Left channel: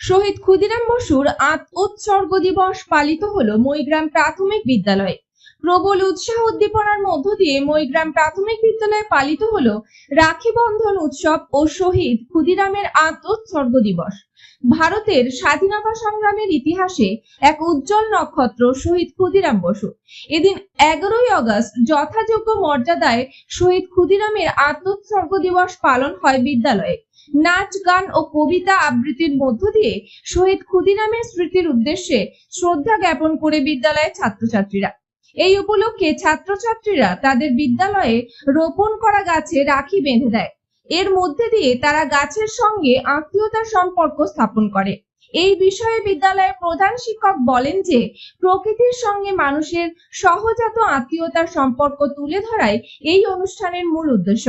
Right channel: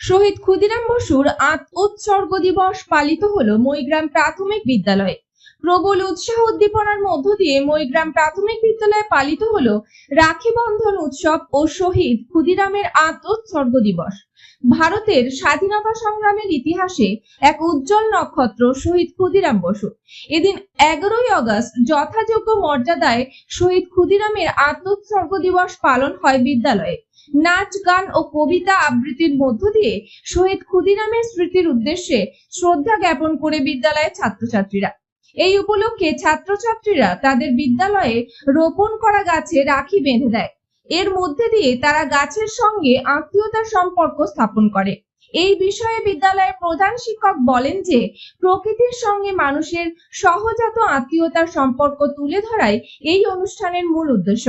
শহীদ ক্ষুদিরাম বসুর আত উৎসর্গ দিবস পালিত হলো মৈগ্রাম প্রাথমিক বিদ্যালয়ে। প্রবল উৎসাহ উদ্দীপনার মধ্য দিয়ে মইগ্রাম প্রাথমিক বিদ্যালয়ে পালিত হলো রাখি বন্ধন উৎসব ও শহীদ ক্ষুদিরামের আত উৎসর্গ দিবস। ভারতের স্বাধীনতা সংগ্রামের ইতিহাসে এক উজ্জ্বল নক্ষত্র শহীদ ক্ষুদিরাম বসু। এদিন এগারোই আগস্ট যথাযোগ্য মর্যাদায় শহীদ ক্ষুদিরামের আত্মোৎসর্গ দিবস পালন হয় বিদ্যালয়ে। নাচ, গান ও কবিতা আবৃত্তির মধ্য দিয়ে শহীদ ক্ষুদিরামের স্মৃতির উদ্দেশ্যে শ্রদ্ধা জ্ঞাপন করে বিদ্যালয়ের ছাত্রছাত্রীরা। এই উপলক্ষে ছাত্রছাত্রীরা তাদের বিদ্যালয়ে রোপণ করা গাছে রাখি বেঁধে দেয়। এর মধ্যে দিয়ে তারা গাছের সঙ্গে আত্মীয়তার সম্পর্ক স্থাপন করে। এই বিষয়ে বিদ্যালয়ের প্রধান শিক্ষক বলেন যে, প্রকৃতির সঙ্গে মানুষের সহজাত আত্মীয়তার সম্পর্ক তুলে ধরাই এই অনুষ্ঠানের মূল উদ্দেশ্য।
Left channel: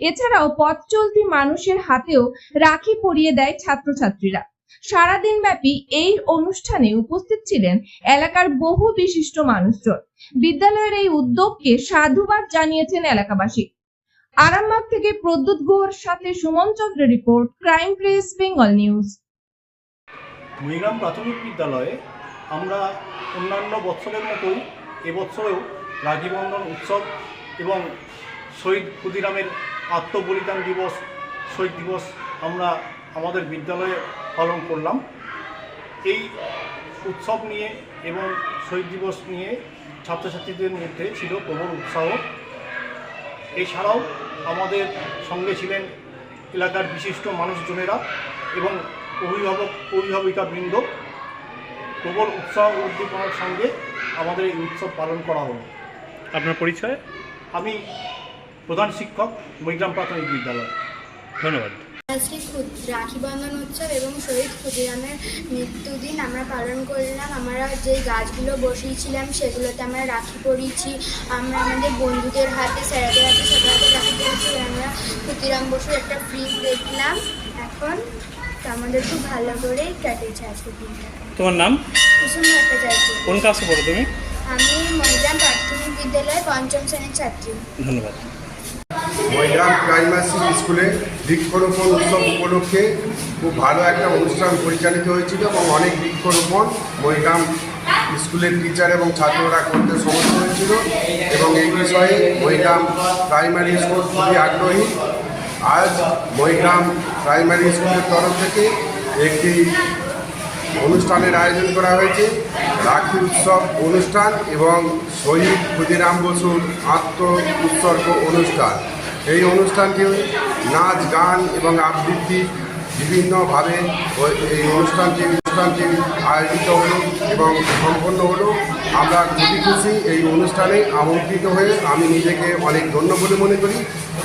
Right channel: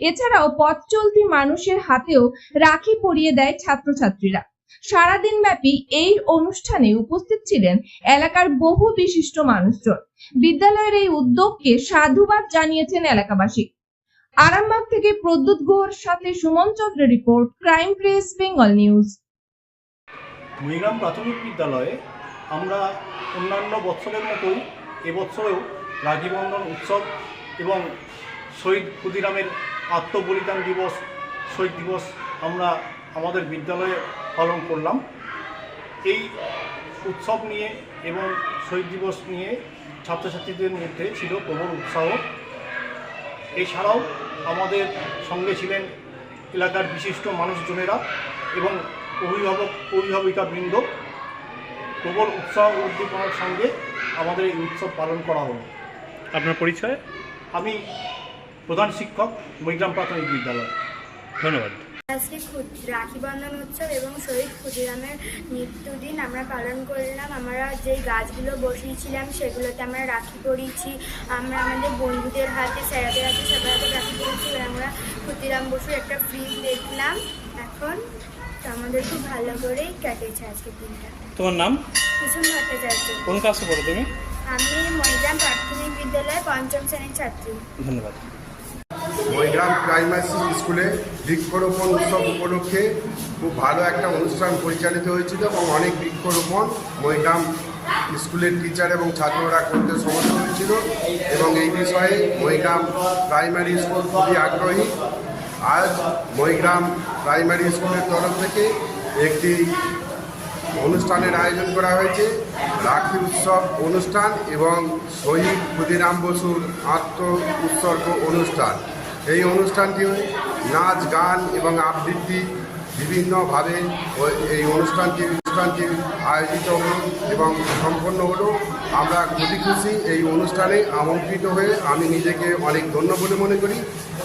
এছাড়াও পথ চলতি মানুষের হাতেও রাখি পরিয়ে দেয় ছাত্রছাত্রীরা। সারাদিন ব্যাপী এই অনুষ্ঠানে উপস্থিত ছিলেন এলাকার বহু বিশিষ্ট মানুষজন। বিদ্যালয়ের এই উদ্যোগকে সাধুবাদ জানিয়েছেন এলাকাবাসী। আরামবাগ থেকে প্রদ্যুৎ গুহর সাথে Suman Chandra report, crime press, Bengal news. Mahigram প্রাথমিক বিদ্যালয়ে আমরা অন্যান্য বৎসরের মতোই এবছরেও রাখী বন্ধন উৎসব এবং শহীদ ক্ষুদিরামের আত্মবলিদান দিবস, শহীদ দিবস আমরা আমাদের বিদ্যালয়ে পালন করলাম। এই উৎসব নিয়ে এবং শহীদ দিবস নিয়ে ছাত্রছাত্রীদের মধ্যে ছিল প্রবল উৎসাহ। এছাড়াও আমাদের সঙ্গে ছিলেন এলাকার বিশিষ্ট মানুষজনেরা এবং অভিভাবক অভিভাবিকা বৃন্দ। প্রবল উৎসাহ উদ্দীপনার সঙ্গে আমাদের এই উৎসব পালন করা হলো। আপনার পরিচয়? আমি প্রধান শিক্ষক মৈগ্রাম প্রাথমিক বিদ্যালয়। ধন্যবাদ। আজকে ক্ষুদ- রাখি বন্ধন উৎসব এবং শহীদ ক্ষুদিরামের মৃত্যুদিন আমরা পালন করলাম। আমরা যে গাছগুলো বসিয়েছিলাম সেগুলোতে আমরা রাখি পরিয়েছি। আমরা আমাদের বন্ধুদের হাতে স্যারেদের হাতে সবার হাতে রাখি পরিয়েছি। আমরা ক্ষুদিরাম বসুর একটা ফিল্ম দেখলাম। এখন আমাদের খুব ভালো করে কেটেছে আজকের দিনটা। তোমার নাম? কুসুম ভট্টাচার্য। কোন ক্লাসে পড়ো তুমি? আমি মহিলা প্রাথমিক বিদ্যালয়ের পঞ্চম শ্রেণির ছাত্রী। ধন্যবাদ। ময়গ্রাম প্রাইমারি স্কুলে বৃক্ষরোপণ উৎসব উপলক্ষে খুব ভালো একটা অনুষ্ঠান পরিচালিত হয়েছিল এবং অনেক বৃক্ষরোপণ ময়গ্রাম স্কুলের টিচার এবং ছাত্ররা করতে সমর্থ হয়েছিল এবং এই বিষয়ে ময়গ্রাম প্রাইমারি স্কুল খুবই আগ্রহী। আজ ময়গ্রাম প্রাইমারি স্কুলের তরফ থেকে একটি অনুষ্ঠানের আয়োজন করা হয়েছে। রাখি উৎসব অনুষ্ঠান এবং শহীদ ক্ষুদিরাম বসুর আত্ম উৎসর্গ অনুষ্ঠান। এই অনুষ্ঠানটি নাচ, গান এবং আবৃত্তি বিভিন্নভাবে এই অনুষ্ঠানটি অনুষ্ঠানটি আয়োজিত হলো এবং সম্পন্ন হলো। আমরা খুবই খুশি এই অনুষ্ঠানে আমন্ত্রিত হয়ে আমি নিজেকে অনেক ধন্য বলে মনে করি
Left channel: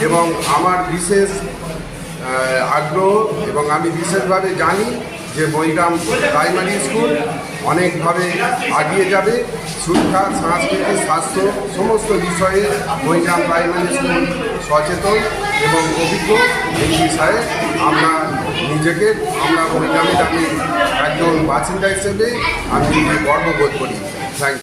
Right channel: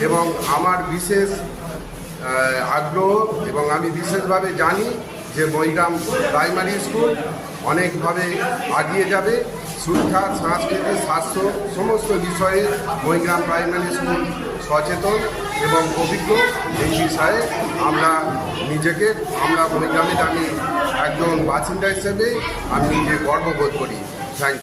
এবং আমার বিশেষ আগ্রহ এবং আমি বিশেষভাবে জানি যে বৈরাম প্রাইমারি স্কুল অনেকভাবে আগিয়ে যাবে। শিক্ষা, সংস্কৃতি, স্বাস্থ্য সমস্ত বিষয়ে বৈরাম প্রাইমারি স্কুল সচেতন এবং অভিজ্ঞ। এই বিষয়ে আমরা নিজেকে, আমরা বৈরামের আমি একজন বাসিন্দা হিসেবে আমি নিজে গর্ববোধ করি।